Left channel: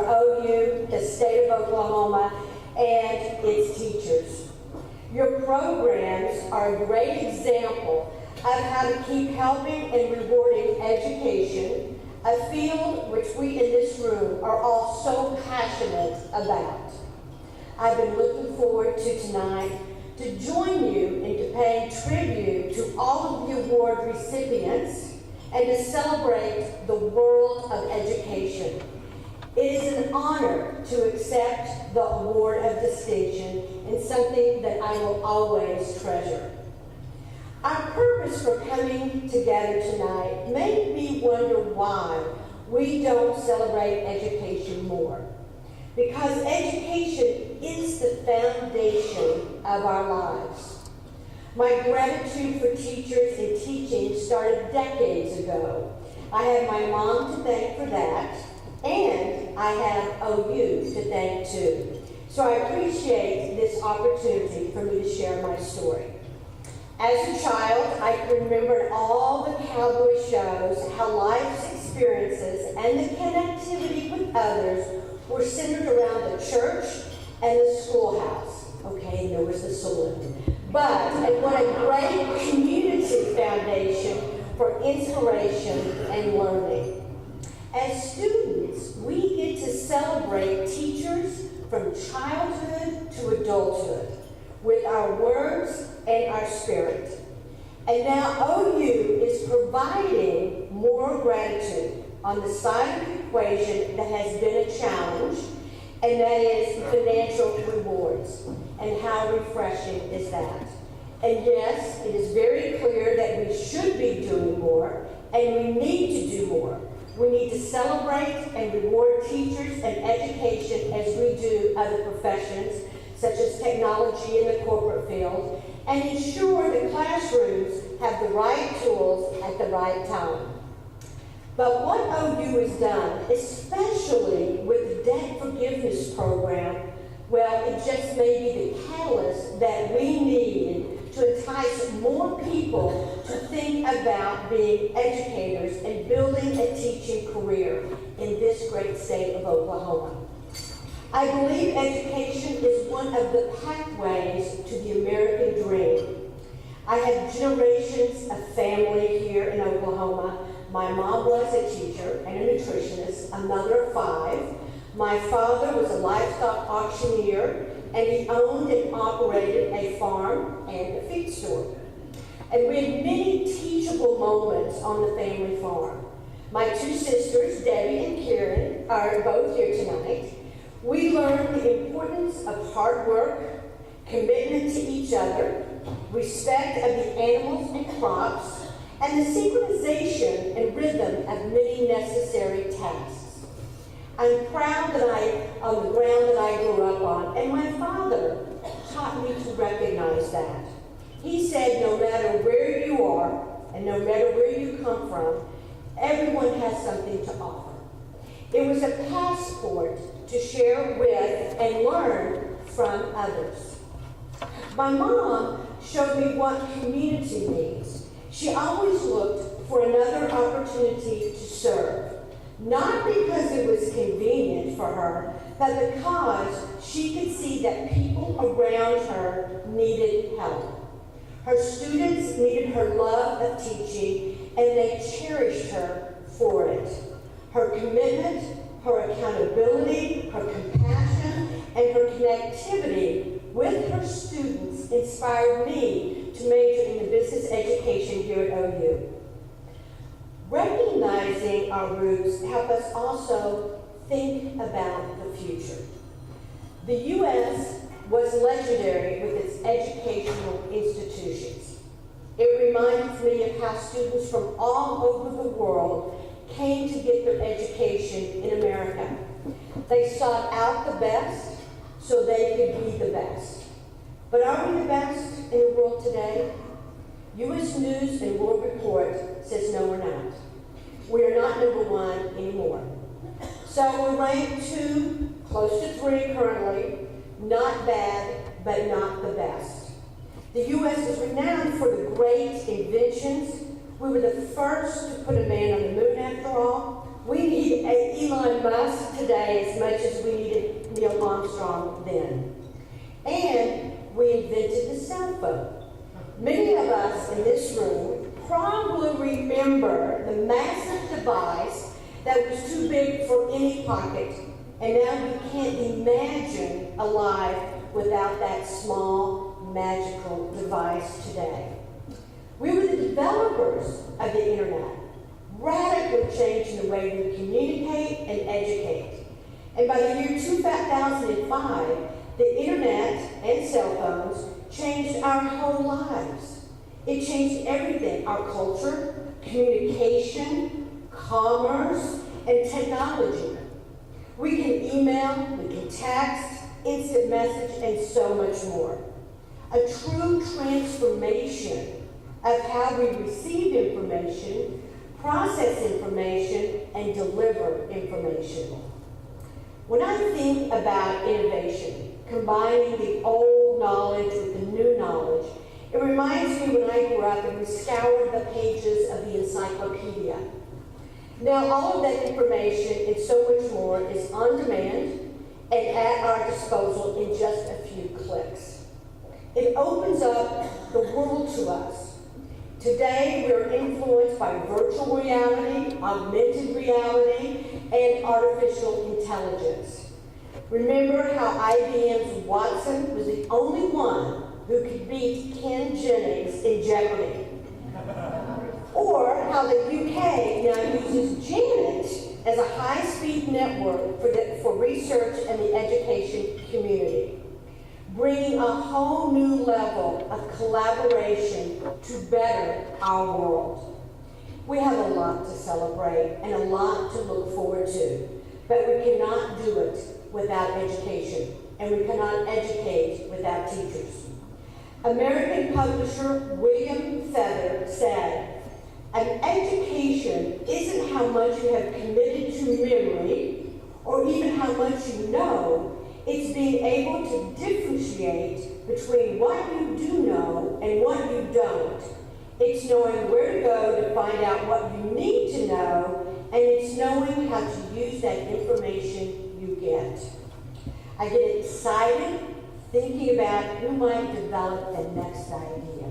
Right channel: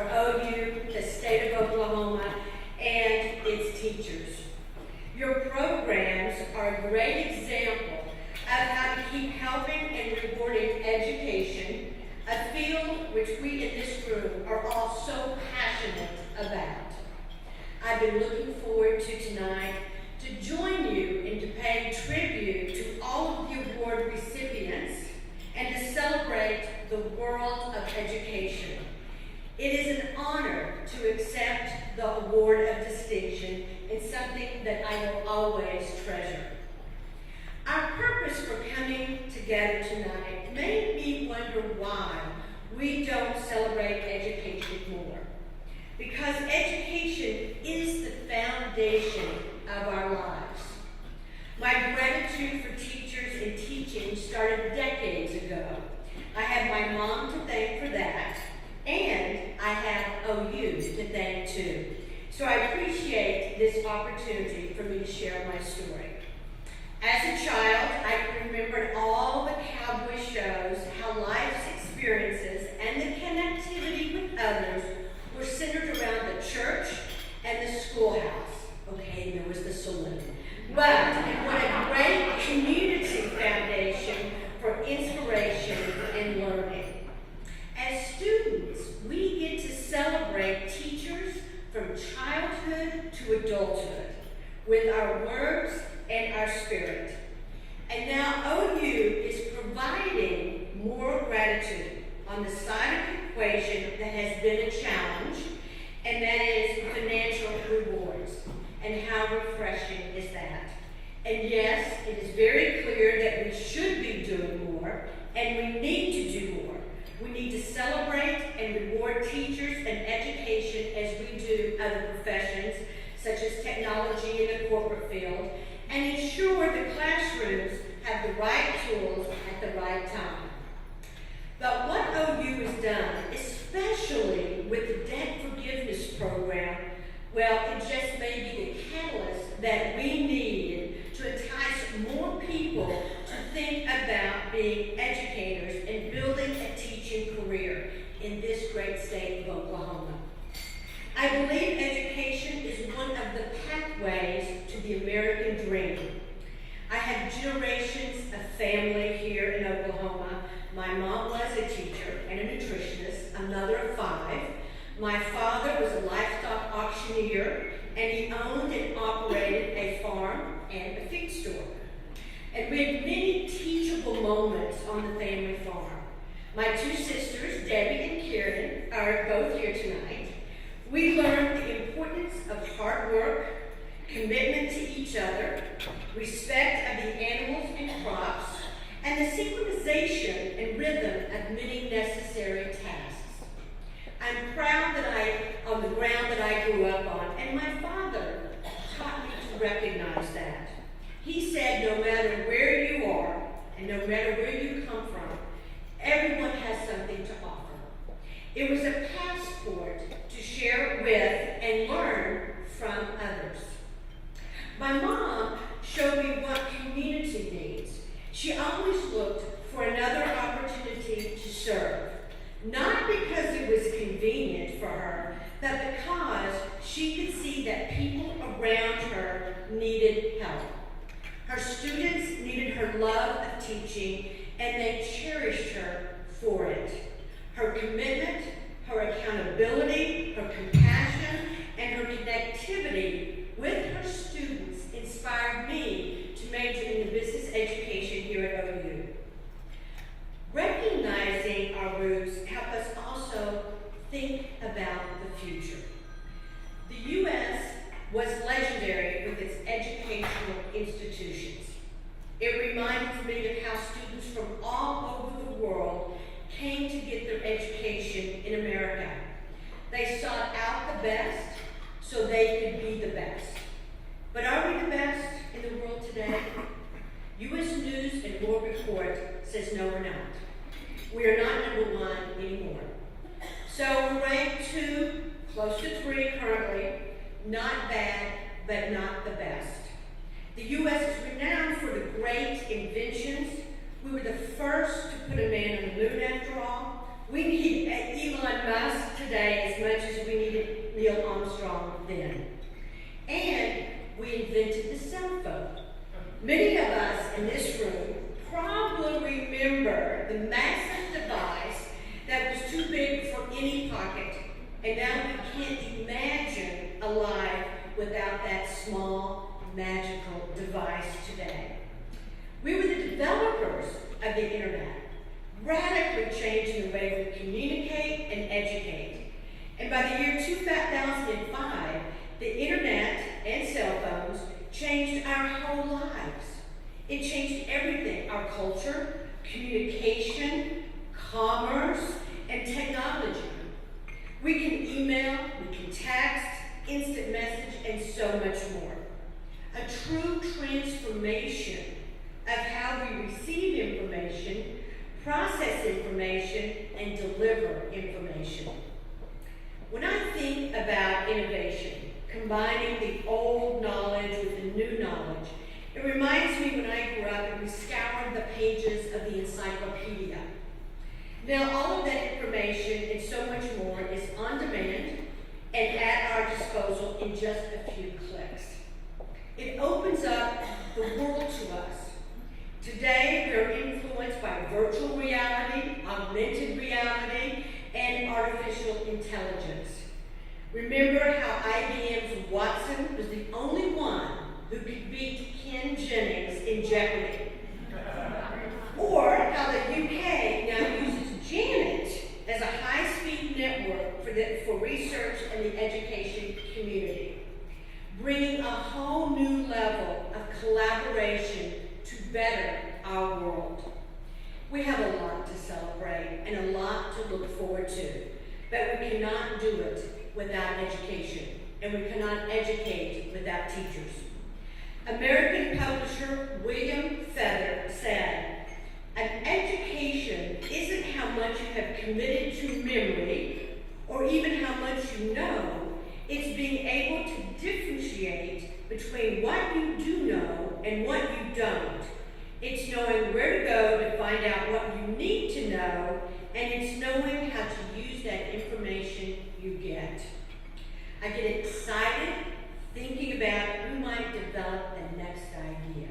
for OU, the state of Oklahoma, and its teachers. Your programs are a great example of how to keep helping and rewarding education, a field which we in this room are all so passionate about. I've been looking forward to tonight to join you in to paying tribute to all of the award recipients and to celebrate the world of education. It is an honor to accept the award of distinction and something that I will always treasure. Our purpose for coming together tonight made me wonder why we don't celebrate education more. Because education is the foundation of our lives. My gratitude for teachers and teaching started decades ago. I have my mom to thank for that, and I have OU to thank too. So I appreciate this opportunity for me to share my story. As a child, I can remember in all the cowboy shows how life's experiences and the connectivity with others were centered around the church and the schoolhouse. Okay, there was the saloon. But, and what a great community foundation for inspiration and learning. As students, we get to celebrate teachers from childhood to adulthood with our words and our spirit. And now OU is providing more gratitude on the side of the equation that has been a challenge, and that is financial rewards. And how refreshing is that? And yes, it is very clear that we should be doing more, and we need to do more. We need to celebrate and reward teachers and education as we do other professions, such as technology in the corporate field, and ensure the classrooms have the right tools at the right time. But what OU has done, especially with the debt forgiveness program, well, it just may be the catalyst that we need to entice more people to think about being educators and building a teaching career in this great state of Oklahoma. I believe education is one of the pathways to the American dream. I have generations of family here in Oklahoma. My mom was a teacher and a nutritionist, a mother of 5. My father was a livestock auctioneer, and he owned and operated a farm and a feed store. And we had many teachable moments on the family farm. My 2 sisters, Debbie and Karen, are both here tonight. We learned the importance of hard work, commitment to each other, respect of the animals and crops, and the synchronization and rhythm of many necessary tasks. I'm proud of the ground that I grew up on, and my father taught me to recognize that. He said no matter where you are and no matter where you come from, everyone has something to offer. It was a passport to share with and learn from others. My mom showed me what community means. She always looked for another opportunity to serve. Not because it was convenient for her, but because she could see that people around her needed help. Her students needed her love of teaching, and they cherished her for it. Her commitment, her accountability, her compassion, and her connectivity with her students inspired me to major in the business education here at OU. Recognizing our roots help us also think about the future. The U.S. was legendary with its educational institutions. It reminds me of how students from all over the world came to get their education in America. They sought out the best so they could be the best. But are we the best in the world today? U.S. News and World Report says no, we're not. We are not number 1 anymore. So we're ranked 2, close to 3 currently. Not bad, but not the best. The U.S. is renowned for the great inventions. We were the first to put a man on the moon, after all. We need Elon Musk today as much as we needed Neil Armstrong then. And we invented the cell phone. Many of us in this room probably remember the massive device that was too big for any pocket, and now we can't imagine a life without that small, magical device today. We were the developers of the internet, radically changing the way we communicate and educate. And by the year 2005, the internet and cell phones changed our whole lives. It changed everything: our culture, communication, commerce, and technology. We can email, we can text, instant message, and so much more. A true transformation of how we receive information, process information, and deliver information. When I think about innovation, combining the old knowledge with the new knowledge, it reminds me when I grew up and we scoured the pages of the encyclopedia. Now all of that information and so much more is on demand and at our disposal in just a few clicks. It opens up the world to us. Today we are influenced by virtual reality, augmented reality, and artificial intelligence. Remember how IBM's Watson was the only one who could beat Ken Jennings in Jeopardy? Or how the UK now uses Janet as a high-speed network for research and the education community, bringing a whole new level of collaboration to better our world. We have a lot to celebrate and a lot to look forward to, but we cannot do it without education, and we cannot educate without teachers. American publisher William Feather said, "An education isn't how much you have committed to memory or even how much you know. It's being able to differentiate between what you do know and what you don't. It's knowing where to go to find out what you need to know, and it's knowing how to use that information you get." I get excited thinking about who might develop the next idea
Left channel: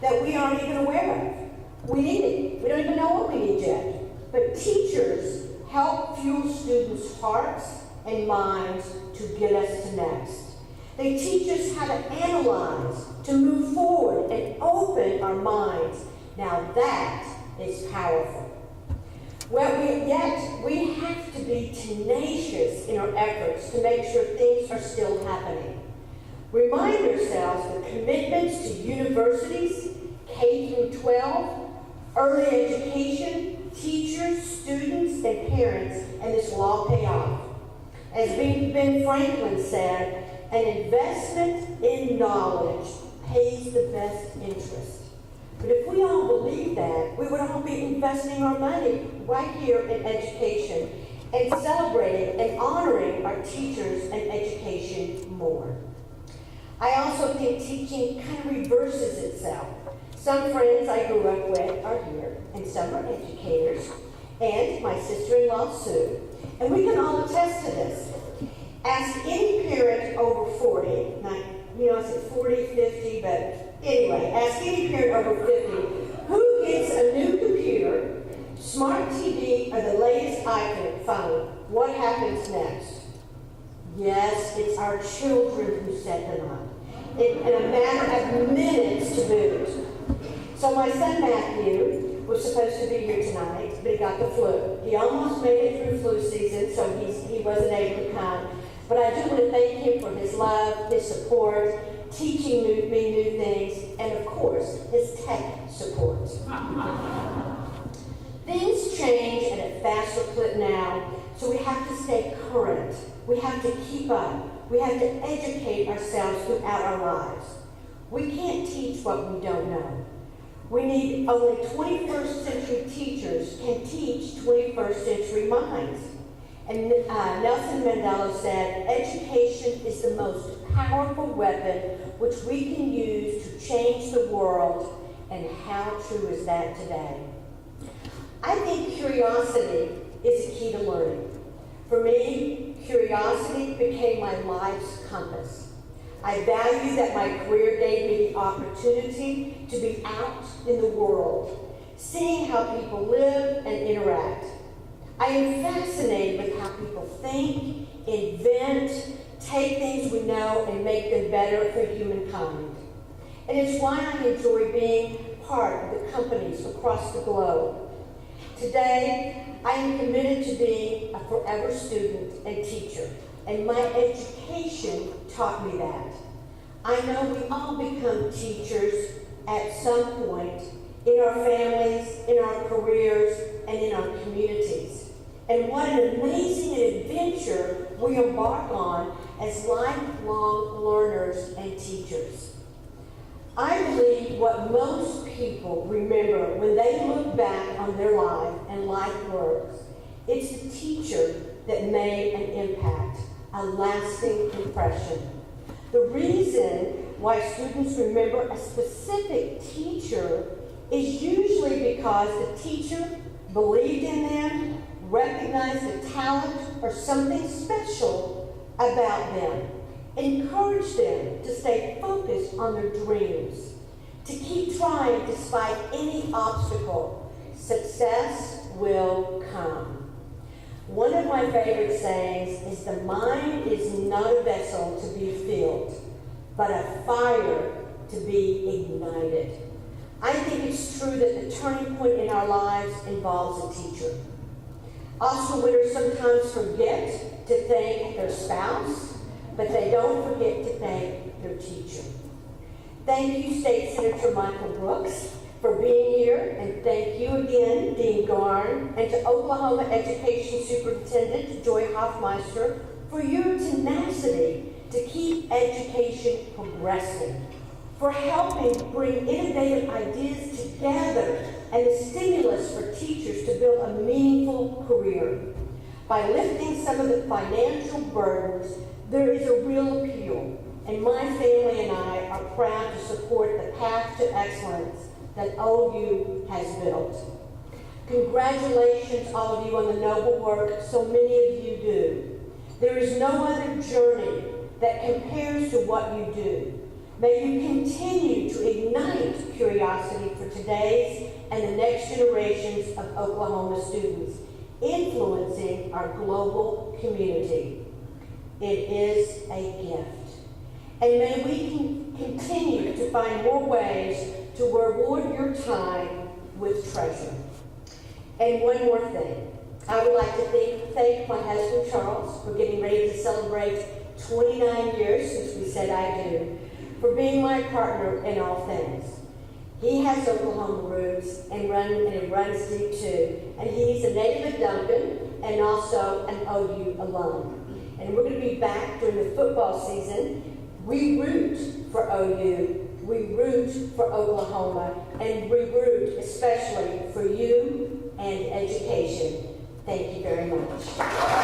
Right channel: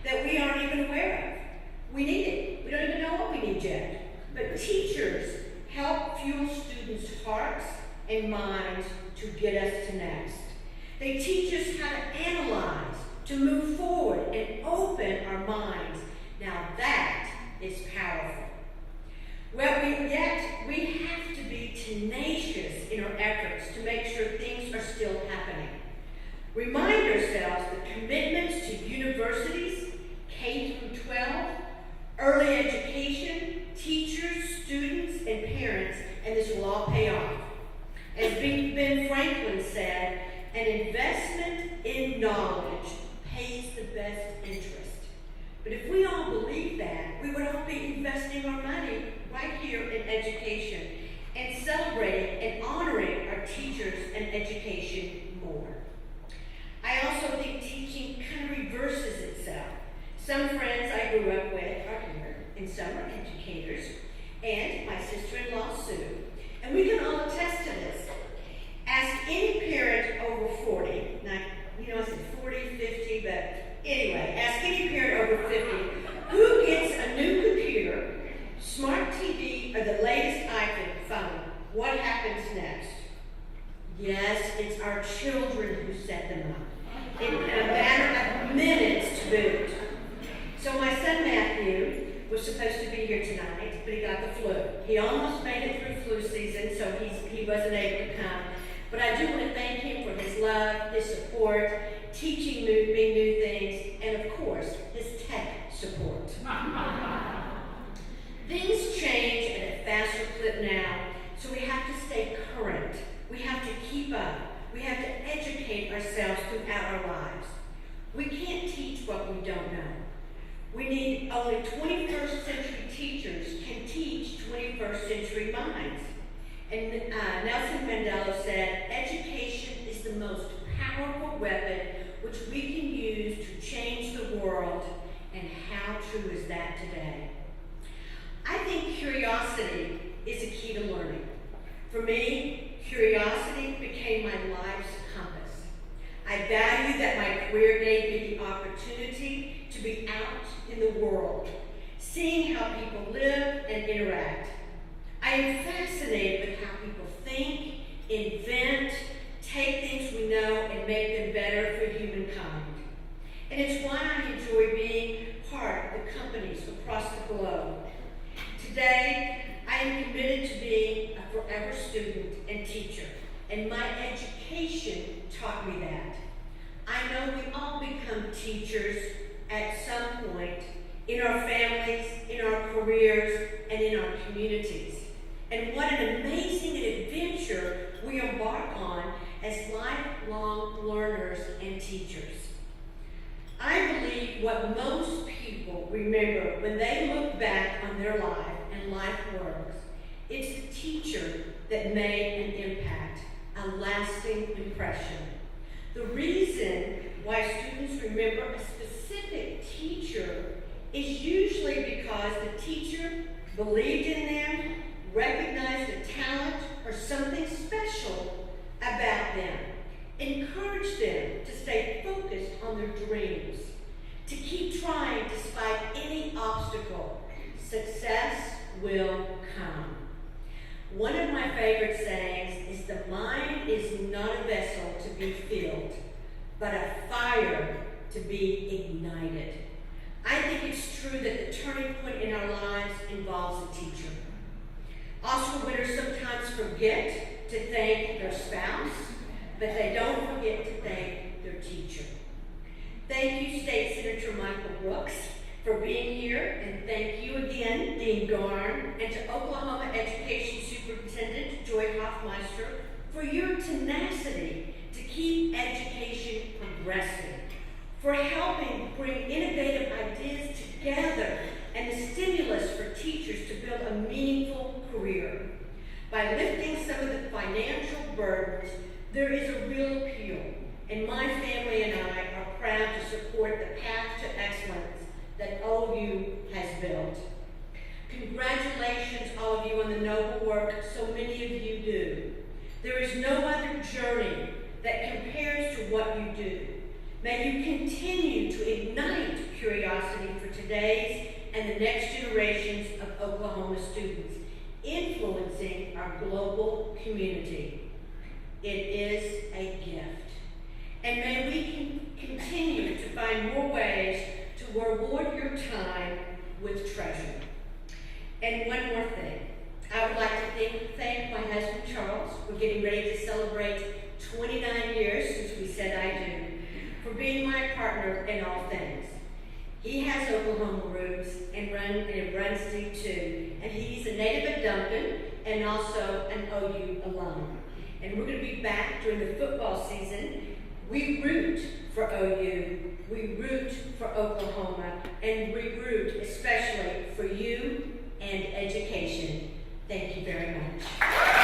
that we aren't even aware of. We need it. We don't even know what we need yet. But teachers help fuel students' hearts and minds to get us to next. They teach us how to analyze, to move forward, and open our minds. Now that is powerful. Yet we have to be tenacious in our efforts to make sure things are still happening. Remind ourselves that commitments to universities, K through 12, early education, teachers, students, and parents, and this will all pay off. As Ben Franklin said, an investment in knowledge pays the best interest. But if we all believe that, we would all be investing our money right here in education and celebrating and honoring our teachers and education more. I also think teaching kind of reverses itself. Some friends I grew up with are here, and some are educators, and my sister-in-law, Sue. And we can all attest to this. Ask any parent over 40, now, I said 40, 50, but anyway, ask any parent over 50 who gets a new computer, smart TV, or the latest iPhone. What happens next? Yes, it's our children who set them up in a matter of minutes to boot. So my son Matthew was supposed to be here tonight, but he got the flu. He almost made it through flu season, so he wasn't able to come. But I do want to thank him for his love, his support, teaching me new things, and of course, his tech support. Things change at a faster clip now, so we have to stay current. We have to keep up. We have to educate ourselves throughout our lives. We can't teach what we don't know. We need only 21st century teachers can teach 21st century minds. And Nelson Mandela said, education is the most powerful weapon which we can use to change the world, and how true is that today? I think curiosity is a key to learning. For me, curiosity became my life's compass. I value that my career gave me the opportunity to be out in the world, seeing how people live and interact. I am fascinated with how people think, invent, take things we know and make them better for humankind. And it's why I enjoy being part of the companies across the globe. Today, I am committed to being a forever student and teacher, and my education taught me that. I know we all become teachers at some point in our families, in our careers, and in our communities. And what an amazing adventure we embark on as lifelong learners and teachers. I believe what most people remember when they look back on their life and life works, it's the teacher that made an impact, a lasting impression. The reason why students remember a specific teacher is usually because the teacher believed in them, recognized the talent or something special about them, encouraged them to stay focused on their dreams, to keep trying despite any obstacle. Success will come. One of my favorite sayings is the mind is not a vessel to be filled, but a fire to be ignited. I think it's true that the turning point in our lives involves a teacher. Oscar winners sometimes forget to thank their spouse, but they don't forget to thank their teacher. Thank you, State Senator Michael Brooks, for being here, and thank you again, Dean Garn, and to Oklahoma Education Superintendent Joy Hoffmeister for your tenacity to keep education progressing, for helping bring innovative ideas together and the stimulus for teachers to build a meaningful career. By lifting some of the financial burdens, there is a real appeal, and my family and I are proud to support the path to excellence that OU has built. Congratulations, all of you, on the noble work so many of you do. There is no other journey that compares to what you do. May you continue to ignite curiosity for today's and the next generations of Oklahoma students, influencing our global community. It is a gift. And may we continue to find more ways to reward your time with treasure. And one more thing. I would like to thank my husband, Charles, for getting ready to celebrate 29 years since we said I do, for being my partner in all things. He has Oklahoma roots and it runs deep too. And he's a native of Duncan and also an OU alum. And we're going to be back during the football season. We root for OU, we root for Oklahoma, and we root especially for you and education. Thank you very much.